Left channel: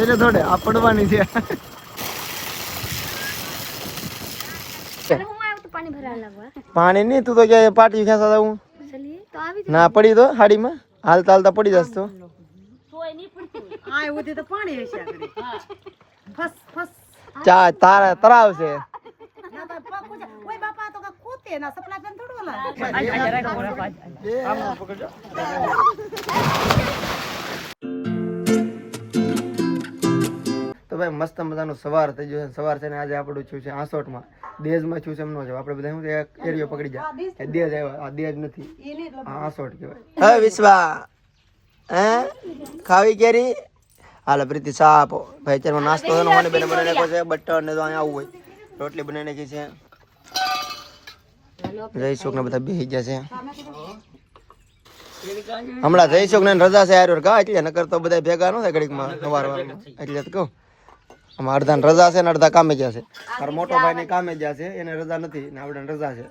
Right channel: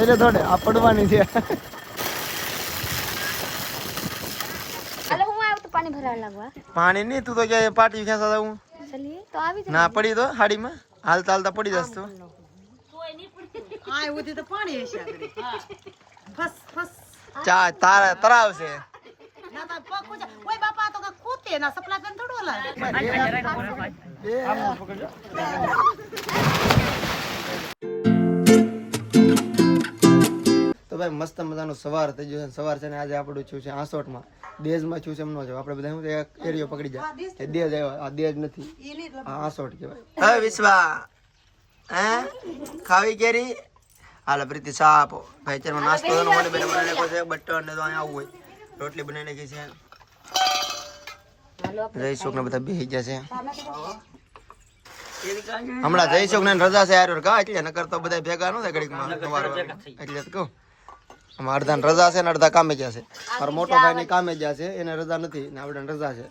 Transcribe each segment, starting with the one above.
એટલે થોડે આ પડવાની છે. પાણી નહીં, તું તો ક્યાં પાટી ખેંચા દઉં ના પડી તો હાડીમાં હાલતા હાલતા પડી જશ તો. તારા તરાવ છે. તો ભાઈ મસ્ત મજાનું સવાર થઈ ગયું છે. સવાર છે ને આજે આપણું છું છે આસોટમાં, દેજમાં છું છે એમનો છે. આપણે બધા શું એક એરિયો પકડી જાય દેજ આવ્યો. આ દેજ નથી, આ આસોટ કહેવાય. હવે વિશ્વા હે ખાવી કેરી હાલો પ્રીતિ ચા આપો ભાઈ. અત્યારમાં નાસ્તો મને બેને બનાવી નાખ્યો છે. બટર ને તો અહીંયા આવું હોય રોટલી બનાવી નાખી છે. જયસુખ ને બધા બેસી ગયા છે. હમણાં જયસુખ ને રજા છે યાર કા, એટલે નકર તો બધા ભેગા ન થાય ઘડીકમાં સવાર એટલે કહું. આમાં અડધા રજા છે ને અડધા કામે ગયા છે. મારો મોટો ભાઈ ને કામે ગયા છે, એને રજા નથી ને આપણે રજા છે.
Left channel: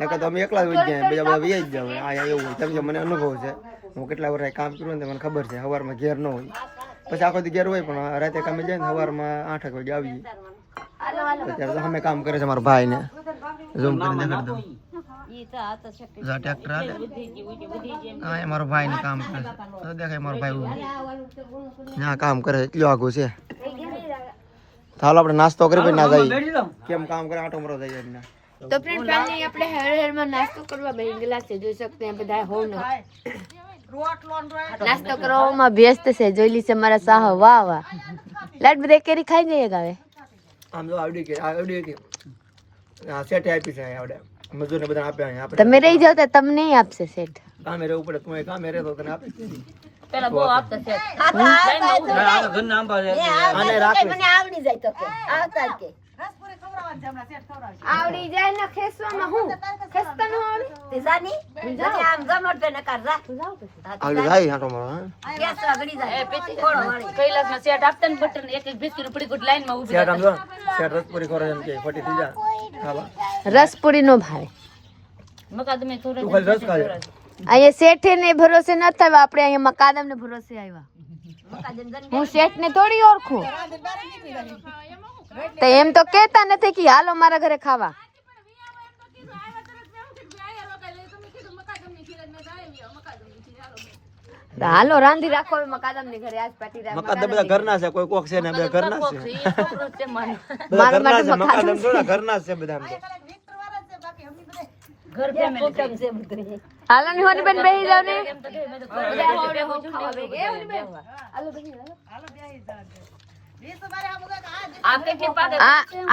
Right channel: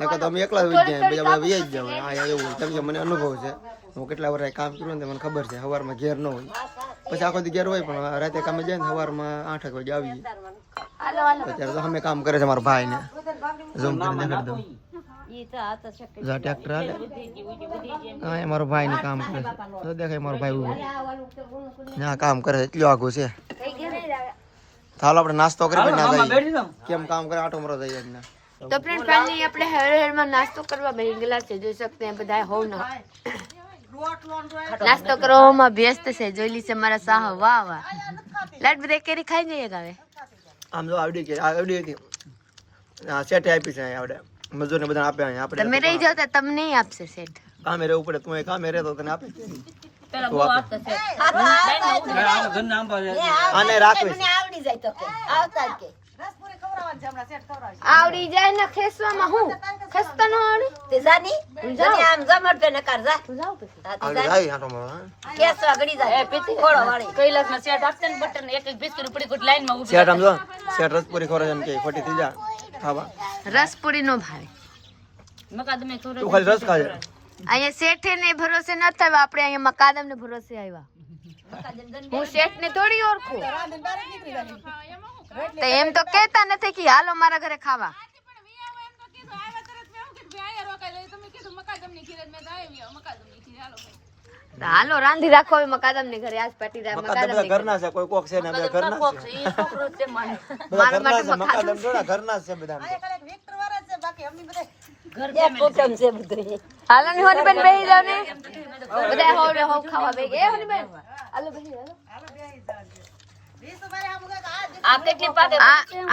નકર તો અમે એકલા જ જાય, બીજા બધા વ્યાજ જાવ. આ એવું હોય કેમ કે મને અનુભવ છે. હું કેટલા વર્ષ કામ કર્યું ને મને ખબર છે. સવારમાં ઘેર ન હોય, પછી આખો દી ઘેર હોય, પણ રાતે કામે જાય ને સવારમાં 8 વાગે આવીએ. અત્યારે તો અમે કામ કરે છે મારા ભાઈ ને ઝૂમ કરીને દેખાડી દઉં. ટ્રેક્ટર હા મારો ભાઈ ને કામ કરે છે. દેખાય મારો ભાઈ કામ કરે છે, એટલું આઘું છે. ચાલો આપણે નાસ્તો કરી ના જઈએ. કેમ કામ કરે આટો મરો જઈએ. તો ફ્રેન્ડ ફાઇનલી આપણે હર માં નાસ્તો કરવા બેસી ગયેલા છે. જોઈ શકते हैं બધા હોવ ને નાસ્તો કરવામાં વ્યસ્ત છે. જોઈ લી છે મારા સાહ. વાહ વાહ લાડ બધા કેરી ખાઈ જઈએ ગાવે. આમ જો આવડી કે સેટ આપી છે આવડે મજૂરને બધા આપે. આપણે તમે રહી જાવ તો તમને આપશે સેટ. કામે રહેવું પડે. તું કામે રહેતો તને આપે કેરી પેલા બહુ આપતા છે લાઈન માં ઉભી આ ઘર નામ પાડે આને રાખવી મને આવડી જાય તો કે આવતા જ કે આવડી જાય ને ખેસવામાં હું ખેસતા ન આવડે તે જાની જાની આમ જમડ તે ન કર જા તું જાવ પછી આવડી જાય હારો માં કેસવા ગડી જાય એ પીતી ખોળો વાળી કૈલાસ માં સેટ આપતા ને બટન એક એક બિસ્કિટ પડી કોટ લાઈન માં ઉભી સેટ આમ જો સેટ રસપુરી ખોરે એમ કે ખોટી થઈ જા ખાવા રસપુરી નો ભાઈ મકાદમે થોડો તું ખાલી રસ ખાજે. અહીંયા શેઠ ને ભરોસે ન થવા, આપણે અહીંયા મકાદમ ને ભરોસે આવ્યા. હું શેઠ ને થોડી ઓળખું તો એમ તો કેતા નથી કે હાલો મારા ઘરે ખાવા. હાલો રાંધી રાખો મકાદમ ને ઘરે. આજ પાટી મકાદમ ઘરના છે, કોઈ કોક છે ને બે ઘરના છે. એ છોકરો છે મને મારા માટે મકાદમ થોડા ઘરના છે બધા. ઘર જમે કુટુંબ છે બધું. હાલો ની હોની બેન બેહી જાવ ને બધા હોડે હો ખાવા બેહી ગયા હોની બેન. હાલો બેહી હાલો બેહી જાવ. આ કેટલી પાકે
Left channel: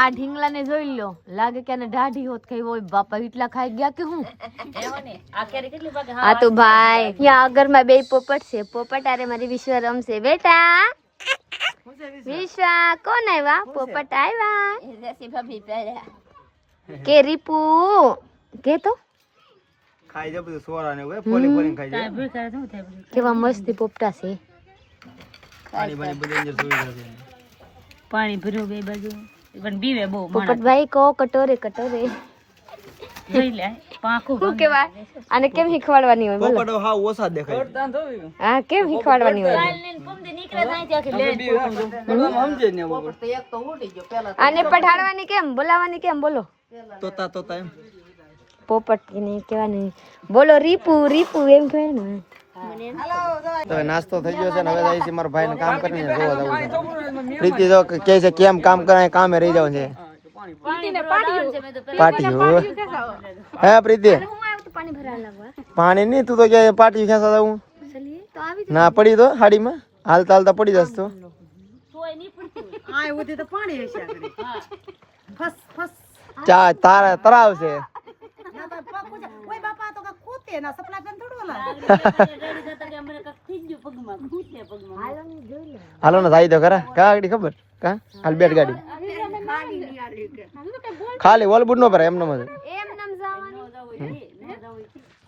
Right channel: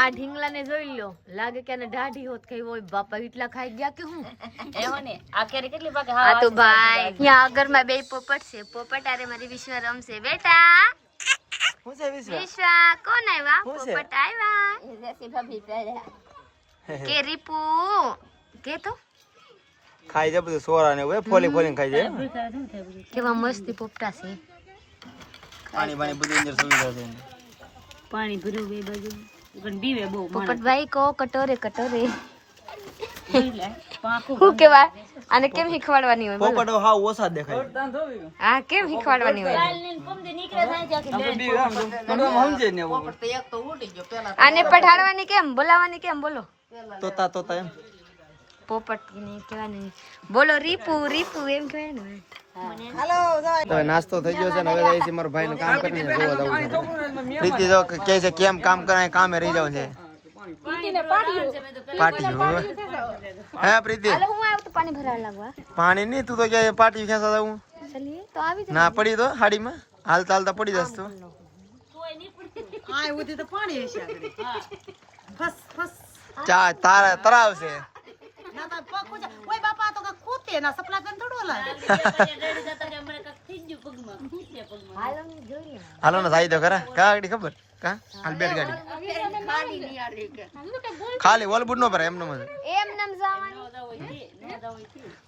આ ઢીંગલા ને જોઈ લો, લાગે કે આને ઢાઢી હોત ખાઈ હોય. બાપા એટલા ખાઈ ગયા કે હું એવો ને આ કેરી કેટલી પાકે. આ તો ભાઈ અહીંયા આગળ માં બે પોપટ છે. પોપટ આરે મારી વિશ્વ રમશે. બેટા વિશ્વા કોણ આવ્યા? પોપટ આવ્યા કે રીપુ કે તો ખાઈ જાય બધું સોરા ને હોય ફોલી ફોલીને ખાઈ જાય. કેવા મસ્તી પોપટા છે. પાણી પાણી બધું અંદર સુવિધા છે. પાણી ભર્યો બે બાજુ ગન બીવે બહુ પોપટ ભાઈ કો કટોરે કટોરે જોઈ લે પાંખું શું કેવાય આને? કેમ શીખવાડવાની હોય બોલો? પોપટો હાવ ઓછા દેખાય. હા કેમ શીખવાડવાની હોય? આને પઢાડવાની કેમ, બોલાવાની કેમ બોલો? તોતા તોતા એમ પોપટ ને કહેવાની બોલો રીપુ રીપુ એમ કહેવાય ને. તો નાસ્તો થઈ ગયો છે ને હવે જાય છે મારા ભાઈ ને કામ કરીને જોવા જવું છે. પ્રીતિ જો કહે છે કેમ કામ કરાય, કામે રહી જવું છે. પાટી હે પ્રીતિ પાણી નહીં, તું તો ક્યાં પાટી ખેંચા દઉં ના પડી તો હાડીમાં હાલતા હાલતા પડી જશ તો. તારા તરાવ છે. હાલો ને થાય તો ખરા કા ગાડી ખબર કા હાલ બેટ ગાડી ખાલી વોલબુટ નો પર એમ નમ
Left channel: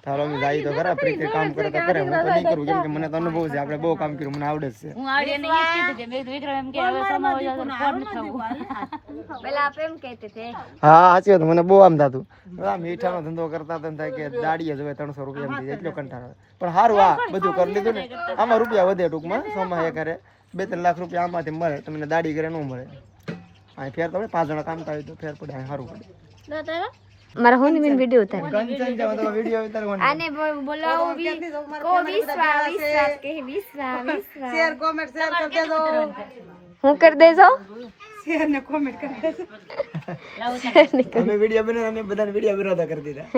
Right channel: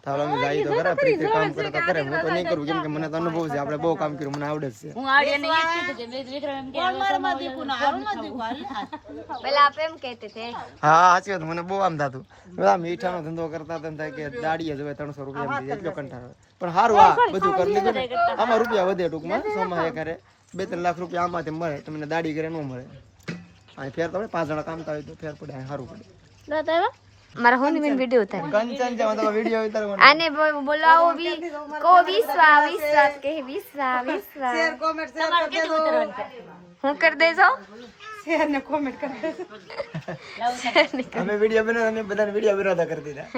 ચાલો અમે જાય તો ખરા. પ્રીતિ કામ કરે તો કરે, હું તો નહીં કરું કેમ કે મને તો અનુભવ છે. આપણે બહુ કામ કર્યું, મને આવડે છે. હું આડિયાને ઈ કીધું કે મેં વિક્રમ એમ કે પેલા આપ એમ કહેતે તે હા સાચી વાત. મને બહુ આમ થતું બધા મીઠાનો ધંધો કરતા તેમ થાય કે દાડીએ જોવે 300 રૂપિયા એમ એટલો કંટાળો આવે. પણ સારું આ બધું કરી લીધું ને આમાં રૂપિયા વધે ટૂંકમાં સોમાં એ કરે 2-3 લાખ રૂપિયા આમાંથી મળે, તમને દાડી કરે ન મળે. અહીં ફેર તો 5 જણા કામતા હોય તો ફેર પડે, અહીં સારું પડે. મારા હોની બેન વિડિયો ઉતારે કંચન છે તો વિડિયો ઉતારવાનો. આને બોલાવો બી કો વિશ્વા કે વિશ્વા હું કરી દેજો શેર ને કોમેન્ટ કરી દેજો. અમે વિડિયો બનાવ, અમે બધાને વિડિયો વિરોધ કરી દીધા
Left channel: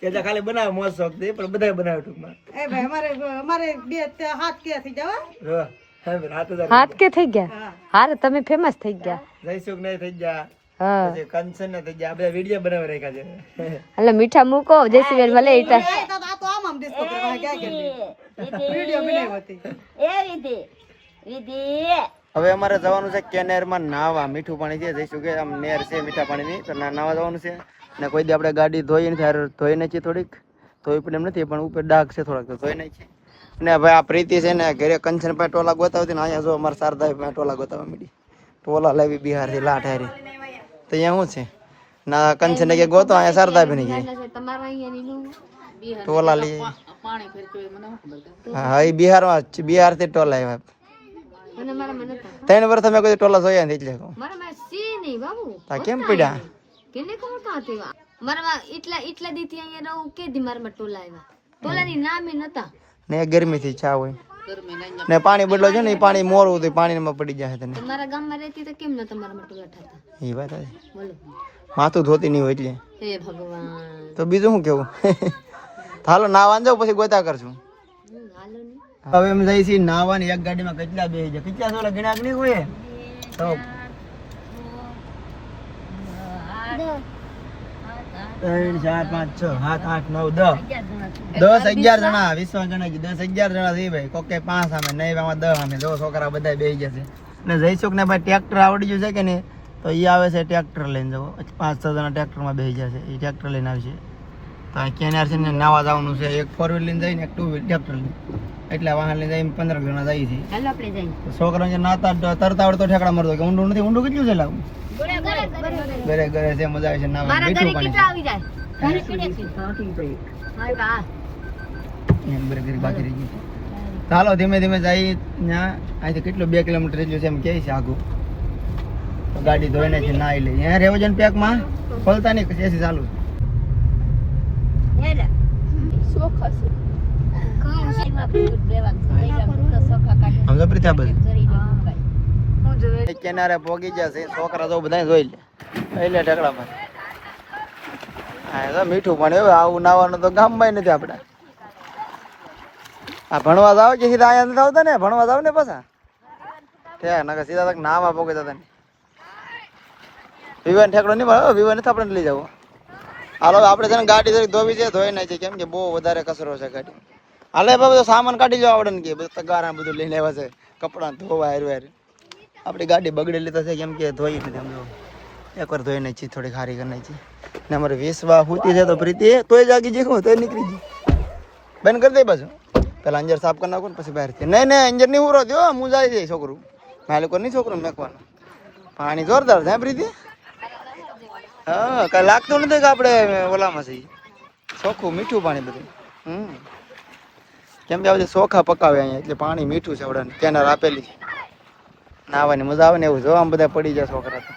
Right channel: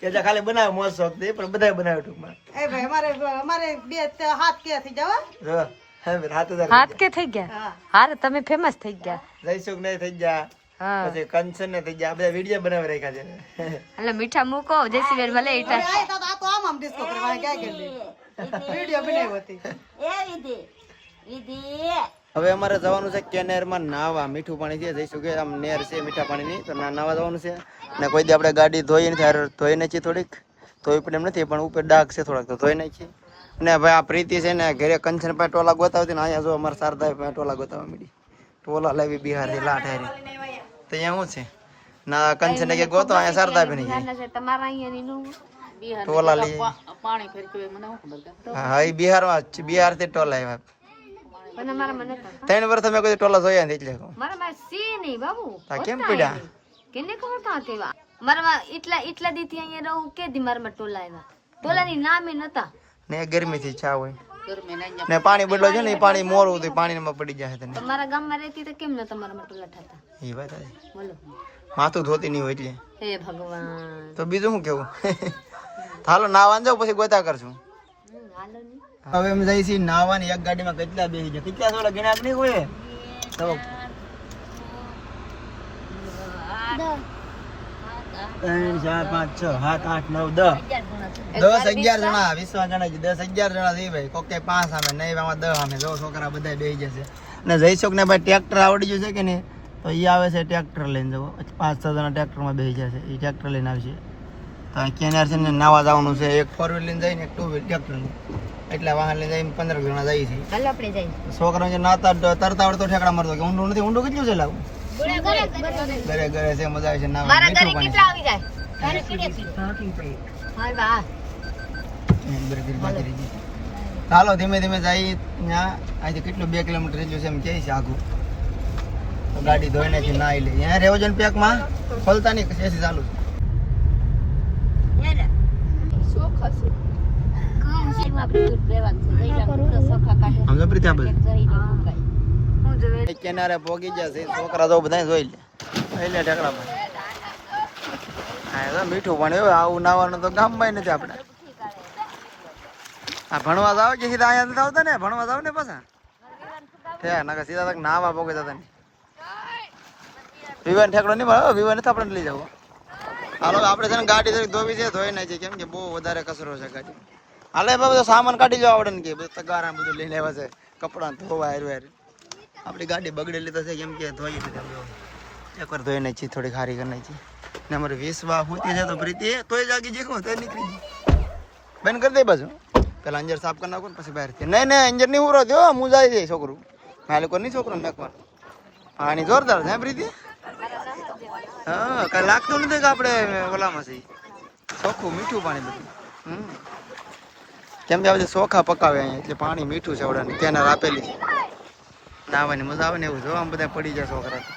કે જે ખાલી બનાવ મોજ શોખ દે, પણ બધાય બનાવે ટૂંકમાં. એ ભાઈ અમારે બે હાથ કે થઈ જવા હા, હાથ કે થઈ ગયા. હારે તમે ફેમસ થઈ ગયા. જયસુખ ને થઈ ગયા, હા પછી કંચન ને થઈ ગયા, બધા વિડિયો બનાવી રાખ્યા છે. એટલે મીઠા મૂકો જયસી ભલે ઈતા આ તો આમ ડિસ્કો કરવા ક્યાં કરી વિડિયો બનાવી હતી એ રીતિ હવે અમારે જવાનું છે કેનેરમાં નાવા. મીઠું પાણી છે, જઈશું કે આમ નેર છે મીઠા પાણીની, તો નાવા જવાનું છે. ને કોઈ દી આપણે ગાડી ધોઈ નથી, ધોઈ નાખી થોડીક, ધોઈ પણ એમ નથી, પણ ઉપર ડાઘ છે થોડાક, તો ધોઈ નાખી. ને ભાઈ આ પ્રીતિ છે ને ઘરે કંચન પાસે ટોલા ગોતાવતી ને અહીંયા જો અમારા શારદા પાસે ટોલા ગોતાવવા મીડી. ટોલા લાવી બિહારથી લાઠ હારી, તો અહીંયા શું છે ના કંચન કે ગોતો, અહીંયા શારદા બની ગઈ તમારા અહીંયાની નો ટોલા લઈ. પાણી ફેરકે મને શું ખબર. હા, એ બિહારમાં બિહારથી ટોલા આવ્યા. પણ મારા મને 3 વર્ષ તમે કોઈ ટોલા જોયા નથી એટલે કહું. મારા માં સી નહીં બાબુ આ કેમ પડ્યા? કેને ખબર કાં તેવા મારા એટલા દીથી અહીંયા રહું કે દી મારા ટોલા આવ્યા. ટોલાની નામે નતા ને ગરમીથી છા હોય ને પાણી બદલો છે ને, એ પાણી મોરું હતું, પાણીમાં પડી જાય તને. તમારા ગામમાં રહેતી તો કેમ નતા મારા ટોલા થતા? એ વાત છે, બોલો માથું ધોતી નહીં હોય એટલે. હે ભગવાન. તો બીજું શું કેવું? હાલો નાવા જાવ, પછી ગોતા કરશું. હાલો ને હવે એમ જઈ છીએ નાવાની. એક ગાડીમાં કેટલા બેસી જાય, કેટલા સોલા ગણાક નહીં હોય તો 3 4 5 6 7 8 9 10 11 જણા, 20 જણા 10 11 જણા છે ભાઈ. કોકે 5 સામે નહીં, આમાં 10 સામે. જો છોકરા બધા બેસી જશે. ને જઈશું ને ભાઈ ટ્રેક્ટર આવડી ગયું છે કે નહીં, તો એ આવે છે ટ્રેક્ટર લઈને. જવો 5-6 જણા ટ્રેક્ટરમાં બેસી જશે, એ ટ્રેક્ટર લઈને આવશે. તો આ કેનાર છે ને નાવા જવાનું છે. એક 4 વ્હીલ લઈને જઈને, એક 2 વ્હીલ ટ્રેક્ટર લઈને, એટલે વાહન લઈને જઈને 15 જણા જાય છે. હાલો આપણે જઈએ. છોકરા જે નાતા તરતા આવડતો ઠેકડા મારતો કે ઊંડું નથી. ઊંડું કેટલું છે લાવું? ઘરે ઘરે છે, મજા આવે છે નાવા. મીઠું પાણી છે. આવી જાય ઘરે હાય બા ઘરે ઘરે બાકી રહી ગઈ. ચાલો ધીમે ધીમે જઈ. ત્યાં અહીંથી કેટલું 2 કિલોમીટર જેટલું છે એમ કહે છે આગું. તો ગાડી ધોઈને છે નાઈ લે. અહીંયા રેવજન પેકમાં ખોલતા નહીં, એસી ચાલુ છે. આમ તો પ્રીતિ આ બધું કિનારે પોગી જશે. છોકરા તો બધા જોઈ લે, એટલે ઢેકડામાં. હા તો મીઠું પાણી હવે આવું નાવાનું તો ગામમાં નથી આપણે. આ ભણવા જાવ કે સીધા અહીંયા નથી આવતા ને? ભણવા જાવ ને પાછા ઠેક ના સીધા તક નાવા પોગે જતા ને. વિવાન ઠેકડો નહીં મળે, વિવાન નથી આપણે લઈ જવું. હાલો આપણે છે ને ગાડી ધોવી છે, ધોઈ નાખી, કેમ કે બહુ વધારે કચરો છે ગાડી. હાલે બધો સામાન કાઢી લેવા આવડે ને, કે બધું તગારા બધું લઈને આવ્યા છે, કપડાં ધોવા હાર. આપણી ગાડી બગડેલી તો છે, કેમ કે ધોઈ એકવાર ધોઈ નાખી, થોડી ખારી કરી નાખી. ને અમારે 20 વા હોતી છે તો પ્રીતિ તોય જાગી જઈ, તોય નીકળી ગઈ. બંધ કરી દે બાજુ, પેલા અંજર સાફ કરી નાખો ને પછી બહારથી. નહીં નહીં અંજર નહીં ઉરો જો, હું જાય જાય છોકરું. મારે લોકો નહીં છોકરું મેકવાનું. પાણી જોરદાર છે પ્રીતિ. હા, કઈ લાગતું નથી કે આપણે ઓલામાં છે ચોખ્ખું મીઠું પાણી બધું. કેમ કે આ બધી ચોખા પકાવે અહીંયા, એટલે પાણી મીઠું છે. વડાને કેનાર આપેલી છે, નાવાની મજા આવે ને એવું. જો આમ બધા પડી જાય છોકરા તો.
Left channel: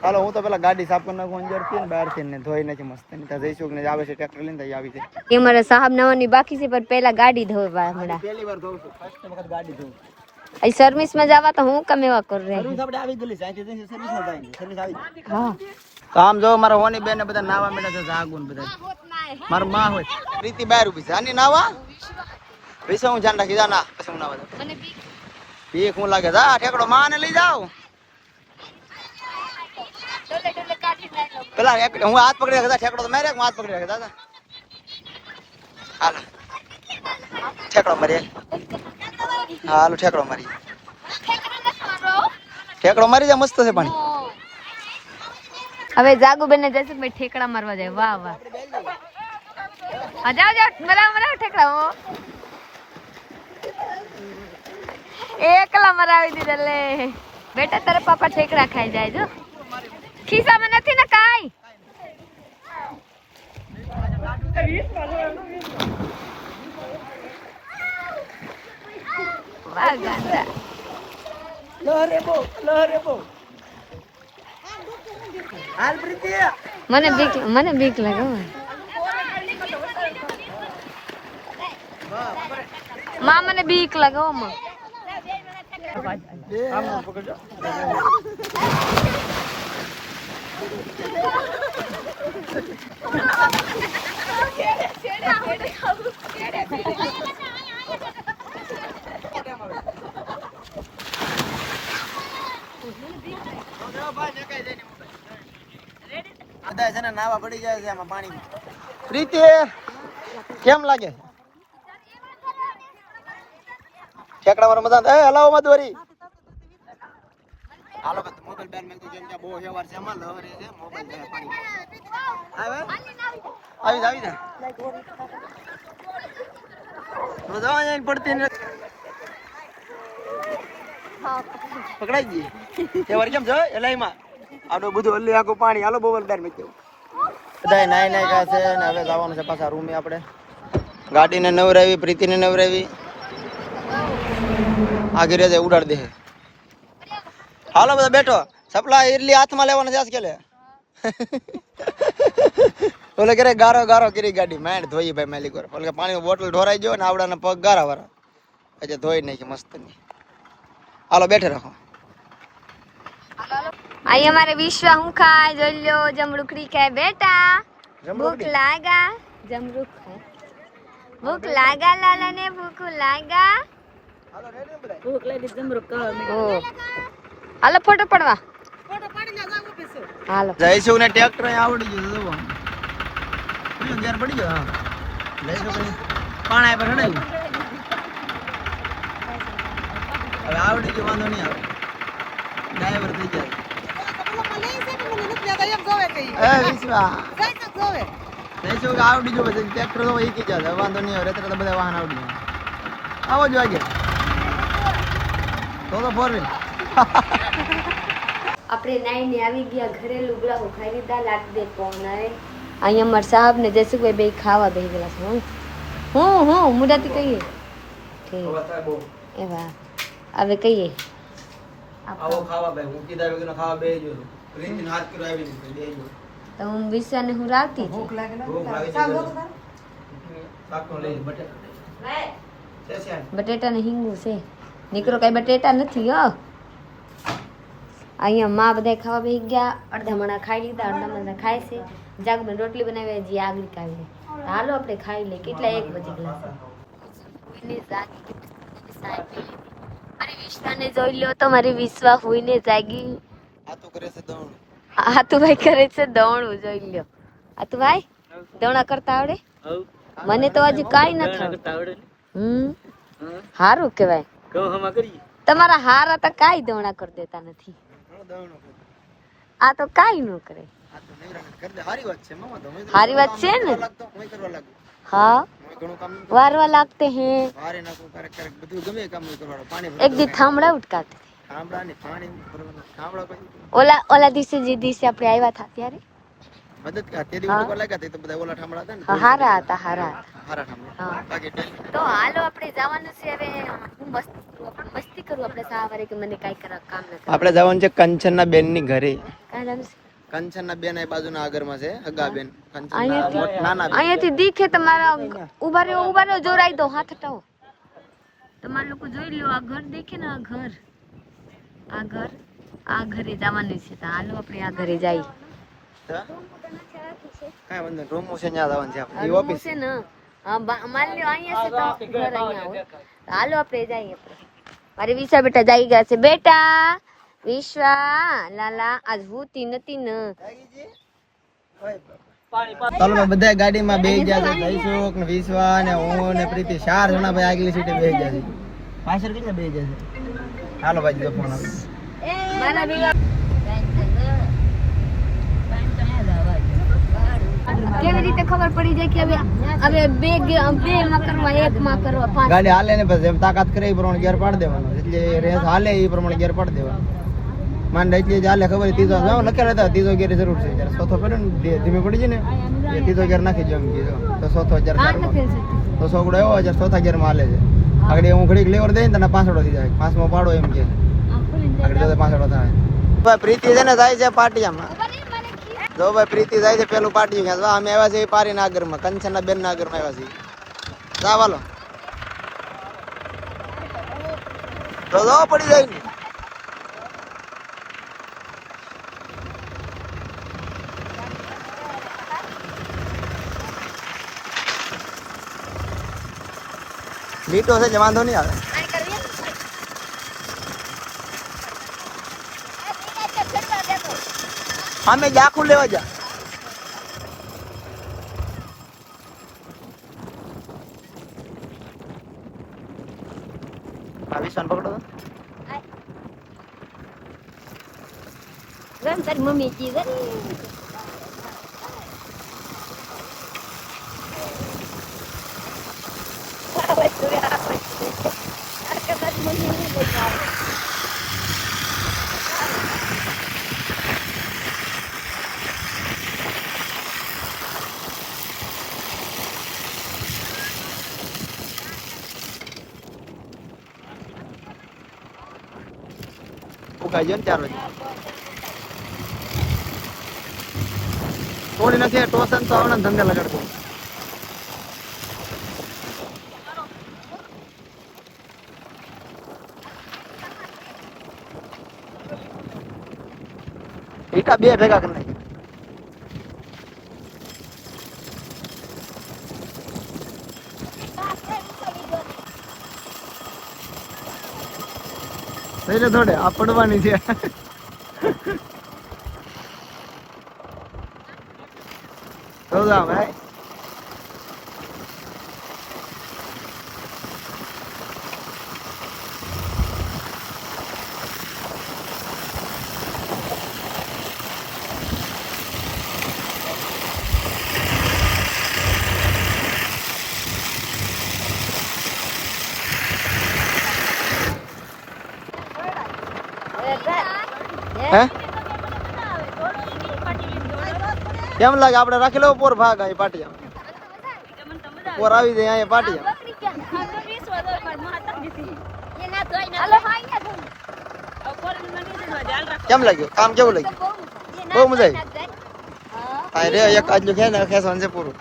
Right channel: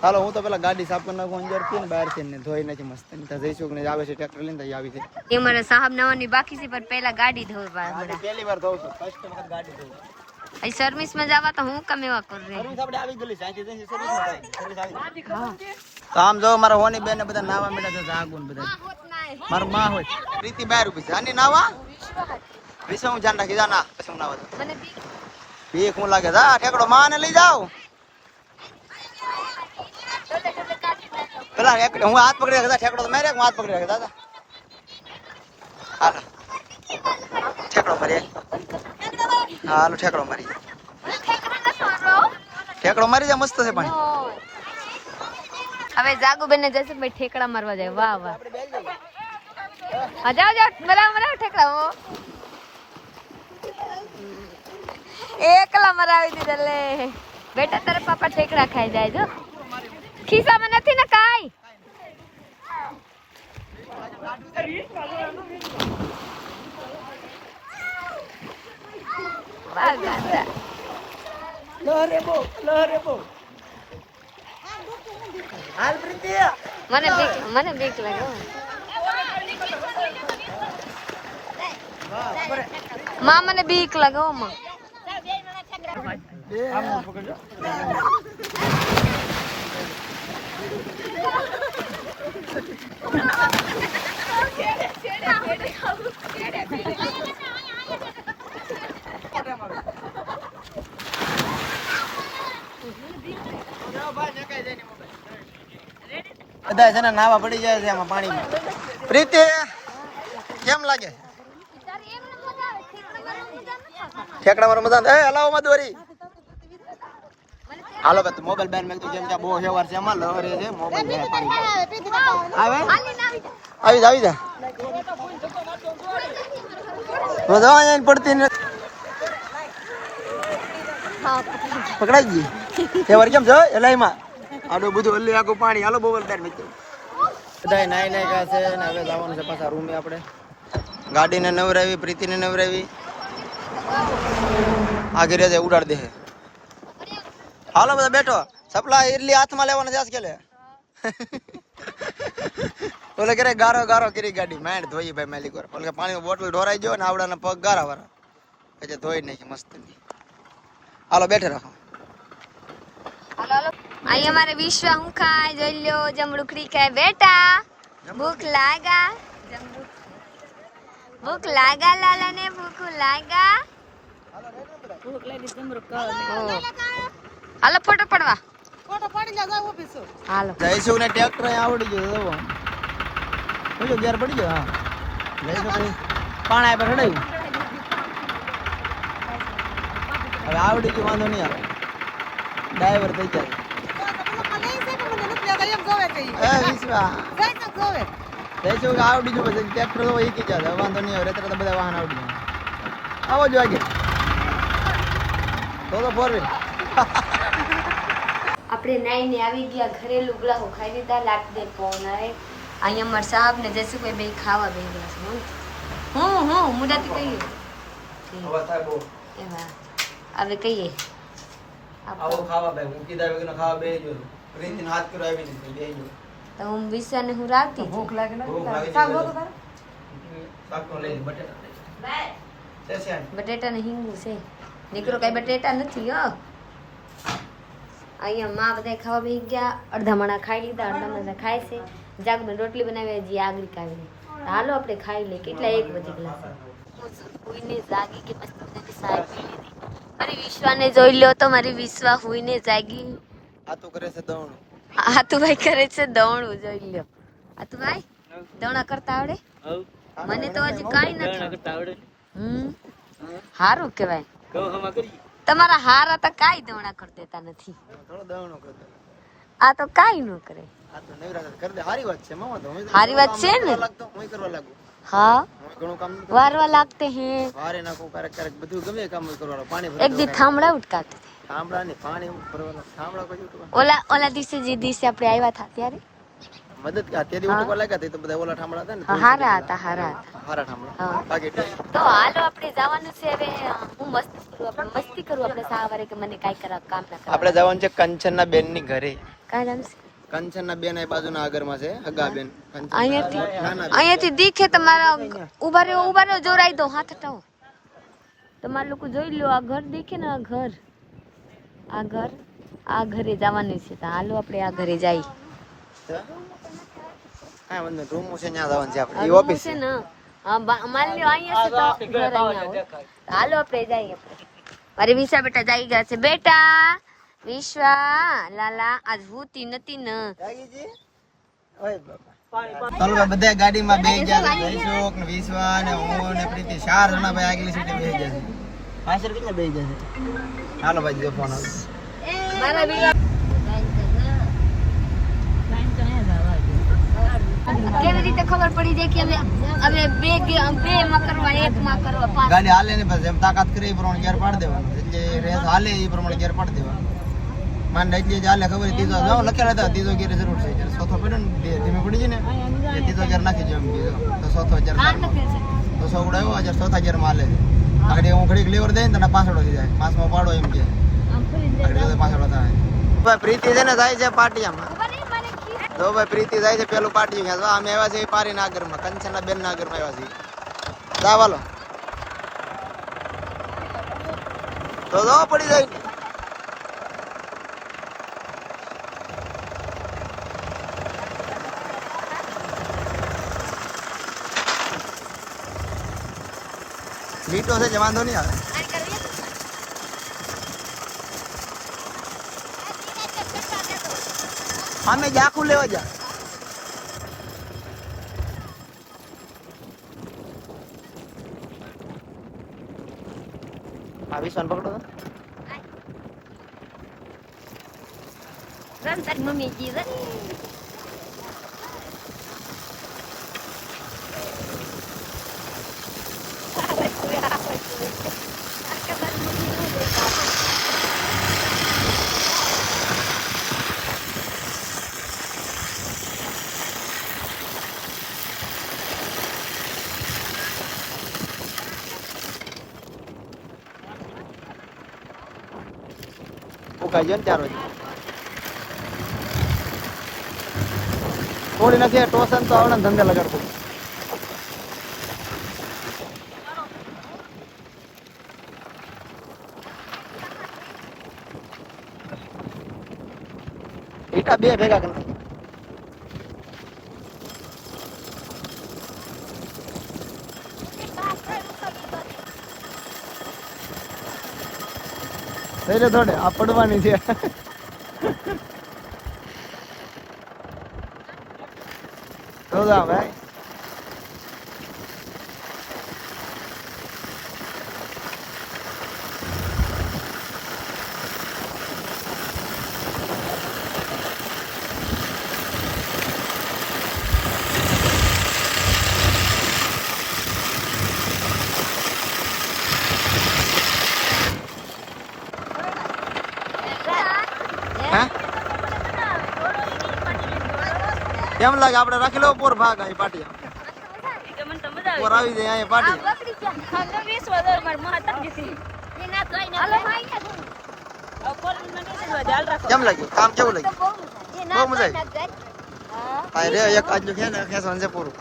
ચાલો હું તો પેલા ગાડી સાફ કરી નાખું અંદરથી ને બહારથી ને ધોઈ નાખી મસ્ત. ત્યાં જઈશું ને આવે છે ટ્રેક્ટર લઈને, ત્યાં આવી છે. એ મારા સાહેબ નવાની બાકી છે, પણ પહેલા ગાડી ધોવા હમણાં. પહેલી વાર ધોઉં છું, ફર્સ્ટ વખત ગાડી ધોઉં. આ સર્વિસ માં જવા તો હું કમ એવા કરું રહી. સર્વિસ આપણે આવી ગયેલી છે, અહીંથી સર્વિસમાં જાય છે, સર્વિસ આવી. હા તો આમ જો મારા હોની બેન ને બધા નાવા મેળા છે, જાગું ને બધા. મારું માં હોય પ્રીતિ બહાર ઉભી છે, આની નાવા વિશે હું ધ્યાન રાખી જા ના, પછી હું નાવા જાઉં. મને બીક ભીખ હું લાગે જા, ઠેકડો માં ને લઈ જાવ. પેલા હું હાથ પકડી રાખે ઠેકડો તો મારે, હું હાથ પકડી રાખે દાદા. હાલો ઠેકડો મારી, હાલો ઠેકડો મારી, ઠેકડો મારી જા, મસ્ત છે પાણી. હવે જાગુ બેન ને જશે ભાઈ ઠેકડા મારવા જાય. વાહ વાહ, હા જાઓ જાઓ, મરાવ ઠેકડા. ઓ એકલા મરાવી દીધા લે બેટા, તારે પાપા ઠેકડા ખાઈ જાય. જો ખિસ્સામાં નથી ને કાઈ. વાહ ગાંડા. લહરે બો હાલ પ્રીતિ મને બીક લાગે. માં મને બીક લાગે હો માં. બધા છે ને નાવા પડી જાય છે આમાં પાણીમાં. પ્રીતિ કેમ લાગે ઠેકડા મારો મજા? એ હલાવો માં દોરી. હાલો ભાઈ મોબાઈલ બેન મેં જેમ કે બહુ હેવાર છે એમાં લહરે છે મોબાઈલ જાય પાણી આવે. આવી જા મજા અહીંયા પડતી ને પકડાઈ ગઈ હેવાર કેમ છે એલાઈમાં આડું બધું હલ્લી આખું પાણી. હાલો મોબાઈલ બેન મેં બધા નાઈ નાઈ કા છે ને હવે જવાનું છે પાછા રૂમે. આપણે ગાડીને નવરાવી, પ્રીતિને નવરાવી, આગળ રહે ઉડાડ દે. હાલો બધા બેઠો. સપલા ઇડલી હાથમાં લેવાના છે કે લે ઓલે કરે ગારો કરી ગાડી માંડ ધોઈ ભાઈ માલિક વાર. ઓલે પાણીમાં બોટલ ઢોરાઈ ગયો ને આવડાના પગ ગારા વાળા એટલે ધોઈ નાખી મસ્ત ની. હાલો બેઠે રાખો. અહીં અમારે વિશ્વ હું ખાય જોઈ લો. જમરૂખડી ખાય બેટા. ભૂખ લાગા જમરૂખ ભૂખ લાગા લાલા ને ભૂખ લાગા. ભૂખ લાગી જમરૂખ કહો. હાલો ફોટો પડવા. ફોટો પાડી જા જાવ ઓફિસ. હાલો જઈશું ને ટ્રેક્ટર આવડી ગયું તો બોલો ગેર પડી ગયો. હા લઈશું કરી પાણા પર હણાયું હવે આવડી ગયું વાંધો નહીં આવે. ડ્રાઈવર થઈ જાય. એ વિશ્વા જઈશું કે આવડી ગયું પછી ટ્રેક્ટર તો શીખી જાય વાંધો નહીં આવે. અત્યારે તો બધા વાહન આવડી જાય. આવો જો આગે તો ફોર વ્હીલ. આપણે નાઈને આવી ગયા ઘરે. લુગડા ખાઈ લીધા. લાગ દે ફોન આવે. અહીંયા અમારા સાહેબ ને જયસુભાઈ બે ખાવા બેસી ગયેલા છે. હું મુડાથી કહીએ એવા હવે કહીએ આવો ખાવા બે હું કીધા વગર ખાવા બે જો રીતિન હાથ કરો આવી ને બે જો તો હું વિશ્વાને હું રાખતી ભૂખ લાગી છે. શાક તો લઈ બટેટા બટેટા ને હિંગુ છે. નીકળો કઈ બટેટા નથી હો. અહીંયા માં બધા ખાવા બેસી ગયા. અડધા મણા ખાઈ લીધા, અડધા મણા ખાય છે. જાગમાં રોટલી બનાવી હજી આગળ કાઢી. હાલો આપણે ખાઈ લઈએ. કેટલા 1 વાગી ગયા છે. હુઈને જાગી કે મસ્ત મજાની ચાય પી લીધી. મારી વિશ્વાને જોઈ લો તો મારી વિશ્વા હુઈને જાગી. આતું કરે છે દોણ. આતુભાઈ કરે છે દોણું જોઈ લ્યો. આતુભાઈ દોણા કરતા આવડે? મને તો હજી કાઈ નથી. હારું કેવાય. તમારા હારા તો કાઈ દોણા કરી દેતા નથી. આ તો કાઈ ન કરે. હારી વાત છે ને. હા વારવા લાગતે હે. એક દી થાંભળા ઉટકાતે ઓલા દિવસે જે દિવસે આપણે આવ્યા હતા ત્યારે મદદ કા તે દી ઉટકો લાગ્યા તે તો બધા ઓલા ઠામડા હતા ને હારા હતા. હારા ઠામડા બાકી તો હાલો આપણે જવાનું છે હવે. હું મસ્તી કરું આપણે સવારે કે મને કાઈ કરા કામ ના કરા. આપણે જવાનું છે કંચનના બેન ની ઘરે. કાઈ નામ છે કંચનના બેન એ બાજુના આગળમાં છે હગા બેન. અહીંયાથી દીખે તમારા ઉભા રહ્યો જોરાઈ દો હાથ હટાવો. તમારા લોકો જોઈ લો. આ ઘર દેખે ને આ ઘરે જવાનું છે. તો હાલો આપણે આ ઘરે જઈએ. કાઈ વાંધો નહીં. રૂમ છે ત્યાં જવાનું છે આપણે. ઓફિસ છે ને. હા માન લ્યો અહીંયા છે તો ઘર અહીંયા હોય. હાલો આપણે જઈએ. મારે વિશા બેટા જાગી ગયા છે. બેટા વિશ્વા લાલા આજ હુતી નથી ને. ચાલો ભાઈ બધા ગાડીમાં બેસી ગયા છે. જયસુખ ને વિશ્વા ને હું ને પ્રીતિ 4 જણા ભાઈ આગલી સીટે બેસી ગયા છે. પાછળ કેટલા બેસી ગયા છે. હાલો ભાઈ જો ફોન આવે. કેવી રીતે ખબર પડી જાય કે હવે બે માં કરવા 1 માં કરવા 5 ગાડી હાલે ને પછી એમ તાકાત કરે એ પ્રમાણે ગેર પાડી દેવાનો. એટલે રેસ હાલે એ પ્રમાણે ગેર પાડી દેવાનો. માંડ એટલે જ હાલે ખબર ત્રીજો જાવ લખેલા હતા ત્રીજો ગેર જરૂર છે. જ્યારે ચોથો પડે ને ધીમે પડી જાય ને એ ત્રીજો ગેર નાખી જેમ બીજો તો ચોથો ગેર તો સોગડો એવો જ્યારે ચોથા ગેર માં હાલે છે. આગળ હું ઘડીક લેવર દઈ ને તને પાછળો થઈ જાય પાંચમો પાડો એમ કે આગળ પાછળો થાય ભાઈ પ્રીતિ છે ને જાય છે પાટિયામાં જો ભાઈ પ્રીતિ જાય છે પેલું પાટિયું ક્યાં અમે આવ્યા છે પારી નાગરમાં કંચનના બેન નાગરમાં આવ્યા છીએ જા વાલો તો જો પડી જાય ને લીટો છે જે વાંધો નહીં આવે અમે આખું લેવા જા વિશ્વાન પકડો તારી મમ્મી જી ઉકાઈ જાય ને 4 વાગે થોડી નથી ટોસન તો આવડે ધંધે લગાડતો ઈટા બે ભેગા કરી નાખી એટલે થોડે આ પડવાની છે તો જા ભાઈ કેમ લાગે આપણે રાખી લો પોર ભાગ અહીં પાટિયા પોર આવી જાય અહીંયા પાટિયા કેમ લાગ્યું કામ કેવું લાગ્યું બહુ મજા આવી રે એક આજુ ખેસવાનું છે પૂરું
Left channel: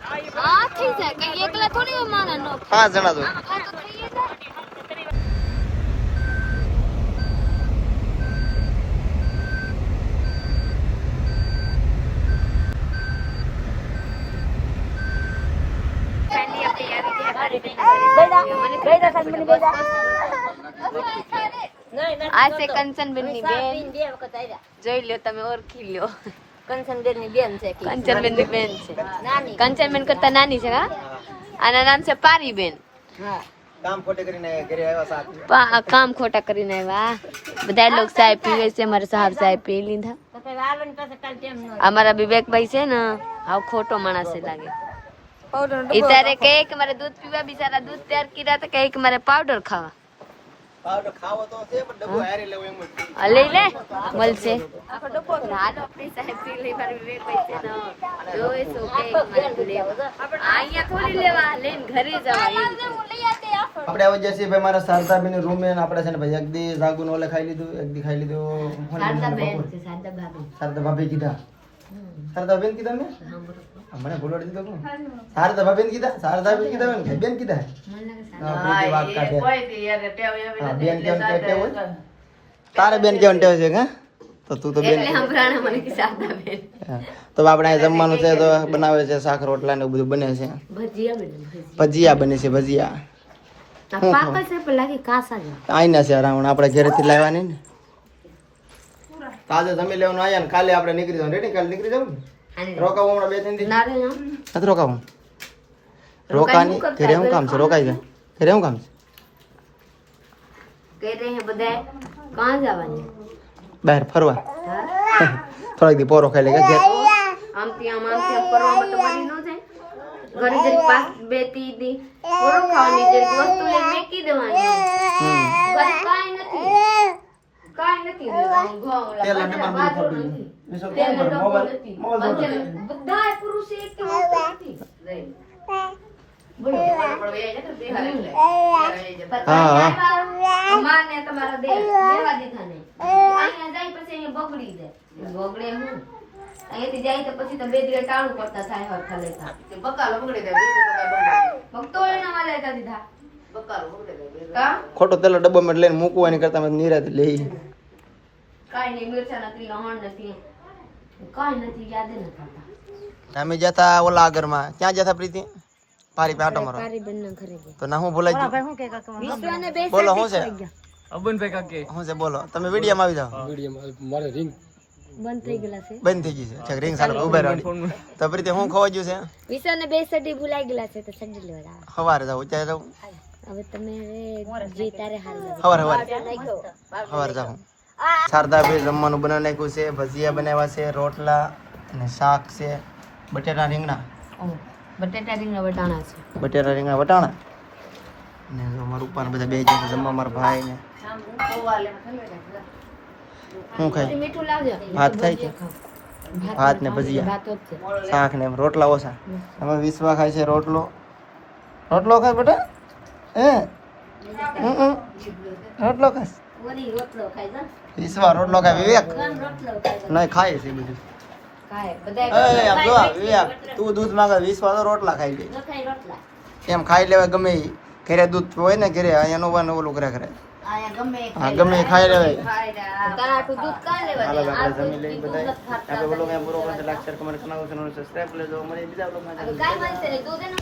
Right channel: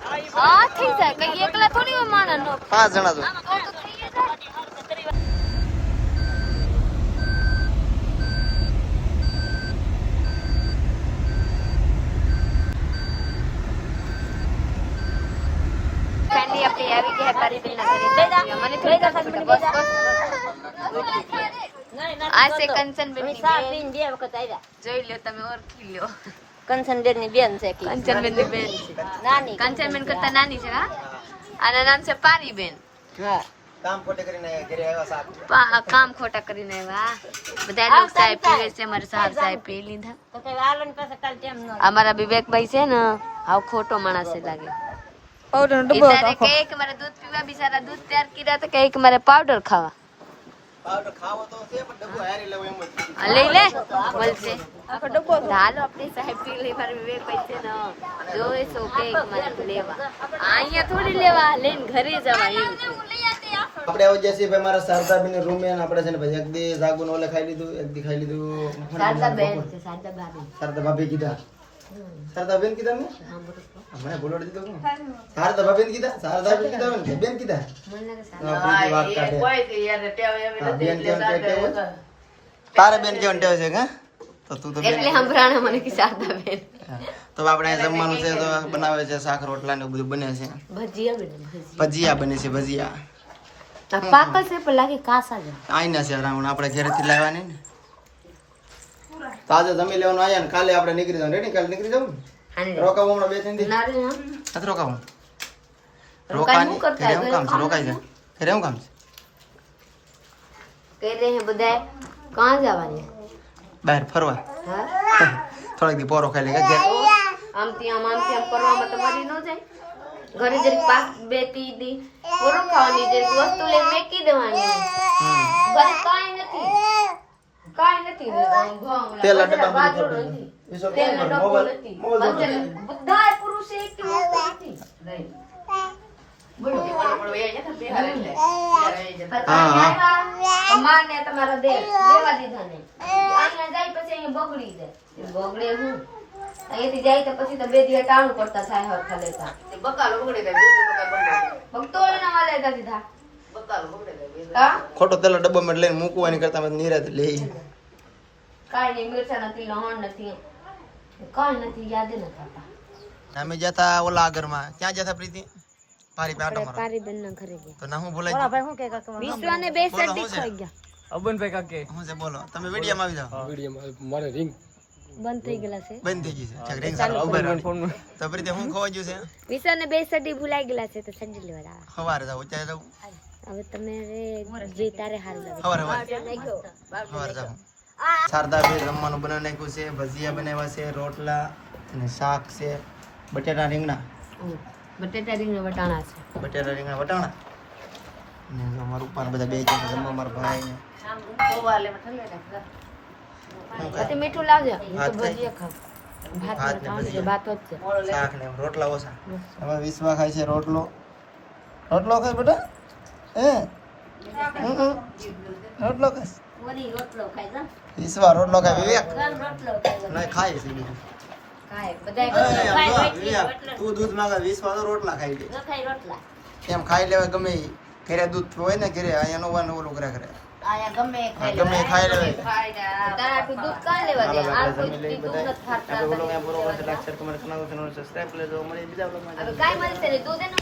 5 જણા તો આ છે કંચનબેન ની બેન જોઈ લ્યો તમે ઓળખી લ્યો કંચનબેન ની બેન છે કંચનબેન ની બેન છે નાની કંચનબેન કરતા નાની છે હા આના નામ છે પારીબેન કામ ખોટા કરીને આવ્યા બધા લોક સાહેબ પીએ છે મારા સાહેબ પી લીધા અમારા વિવેકભાઈ છે ને હાવ ખોટો માણસ લાગે इतारे कहे कि मारे दूध पीवा बिचारा दूध तैयार किया तो कहे कि मारे पाउडर खावा ले ले बोल से हालो अपने साहेब पी ले मारे विवेक पैसे न जो सो कहे कि मारे लेवा आइया थोड़ी लेवा लेन घरे जवा एम આપણે આવો જશે ભાઈ મારા શારદાબેન ની રૂમ માં આપણે છે ને ભાઈ એક દી જાગુન ઓલે ખાઈ લીધું એક દી ખાઈ લીધું શારદા ભાભી કીધા શારદાબેન કીધા મે મને બોલડી દીધો કોણ શારદા ભાભી કીધા શારદાબેન કીધા ને બેન કીધા હા પૂરી વાત કાઢે કોઈ કે યાર ટેવ બેન કેમ કે ટેવ તારે બેન કેમ ટેવ છે કે તો તું તો બેન એટલે હમરાણા મને કે શારદાબેન તો આપણે અહીં જમવાનું છે તો બનાવે છે શાક રોટલા ને બધું બને છે ભજીયા બને છે ભજીયા પાકા છે પેલા કે કાસા છે આઈના છે રાવણ આપણે ઘરેથી લાવ્યા નહીં ને તો આજે જમી લેવાનું આયા ને કાલે આપણે નીકળી જવાનું રેડી કાલે નીકળી જવું ને રોકાવું હમણાં 2-3 દી નથી રોકાવું રોકાની ઘરે હું કામ છે રોકાઈ જાય ઘરે હું કામ છે કહે રહે હે બધા કહાં જવાની બહાર ફરવા થોડીક દી પોરો ખાઈ લે ઘેર આમથી આમ કરવામાં તો બની ન જાય ઘરે જરી પાસ બેતી દી પોરો ખાવાની જે વસ્તુ લે મેકી દેવાની ઘરે કાઈ નથી તેલ ડબ્બા બધું ખાતું વિસો કેમ કર મોબાઈલ બધા બધાય પુરુષ એક કે નથી બોલો માને તમારા દે લેવા દીધા નહીં અહીંયા જાય પછી અહીંયા બગડી જાય બગડે હું અહીંયાથી જાય તો પછી તો 2 દિવસ ટાણું કરતા થાય હરખા લેતા બકાલો બગડે જાય ભક્તો એના વાલે દીધા બકાલો બગડે જાય ખોટો તેલો ડબ્બામાં લઈને મૂકવાની કરતા મેં નિરાતે લઈ કાઈ નહીં મિરચા નથી લહણ નથી કાઈ નથી યાદ ન થતા અમે જતા ઓલા આગળમાં ક્યાં જતા પ્રીતિ પારી પે આટો મારો પારી બેન ના ઘરે ગયા તો ના હું ભૂલાઈ ગયો ભાઈ હું કે કાકા વિશ્વાને બે બોલો શું છે અબનભાઈ કાકે શું છે બોલો તમે વિડીયોમાં આવી જાઓ વિડીયો મારે રિંગ બંધ થઈ ગયેલા છે બંધ થઈ ગઈ છે રિંગ સારો ઉભા રહી તો પ્રીતિ હું ખવા ગયું છે વિશ્વાને બે સડી ભૂલાઈ ગયેલા છે તો સડી લેવા આવા સવારે જાવ ચાલે જાવ હવે તમે જે તારે હારું લાગે સવારે જાઉં શારદાભાઈ જમવાનું બનાવી નાખ્યું છે ભજીયા બનાવ્યા છે રોટલા અને શાક છે બટેટા રીંગણા બટેટા રીંગણા વટાણા છે બટેટા રીંગણા વટાણા ને જો મારા ઉપર બધા બે જણા જમવા મારા ભાઈ ને હું ખાય પછી મીઠું લાવજો ભાત ખાય ભજીયા ખાવ ભાત ને ભાત ભજીયા. ભાત જ છે શાક ને રોટલા ઓછા હવે વિશ્વા ખાય છે રોટલો રોટલો ખાય બેટા હે રોટલો ખાય વરી રોટલો ખાય છે વિશ્વા રોટલો ખાય વિવેક રોટલો ખાય નહીં ખાય છે બધું ખાય એ, બધાય આમ જો, વિવેક તું દૂધ માંગે વિશ્વા તો રોટલા ખાઈ લે ખાય રોટલા એમ ખાઈ લેવાય ગમે ઈ. ઘરે દૂધ હોય ને ઘરે અહીંયા નો વાનું ઓલું કરે કરે હા ગમે ઈ ખાઈ લેવાય તારાટું દૂધ કાં લેવા હાલો દે? આપણે આ જમી લઈ દૂધ બધા નથી ખાતા. આપણે બોલો કે પૂરો કરશે લાઈક શેર કમેન્ટ કરનારો ચેનલ સબસ્ક્રાઇબ કરી લેજો મળી બીજા બ્લોગમાં હવે ગાય મળશે ને દૂધ એનું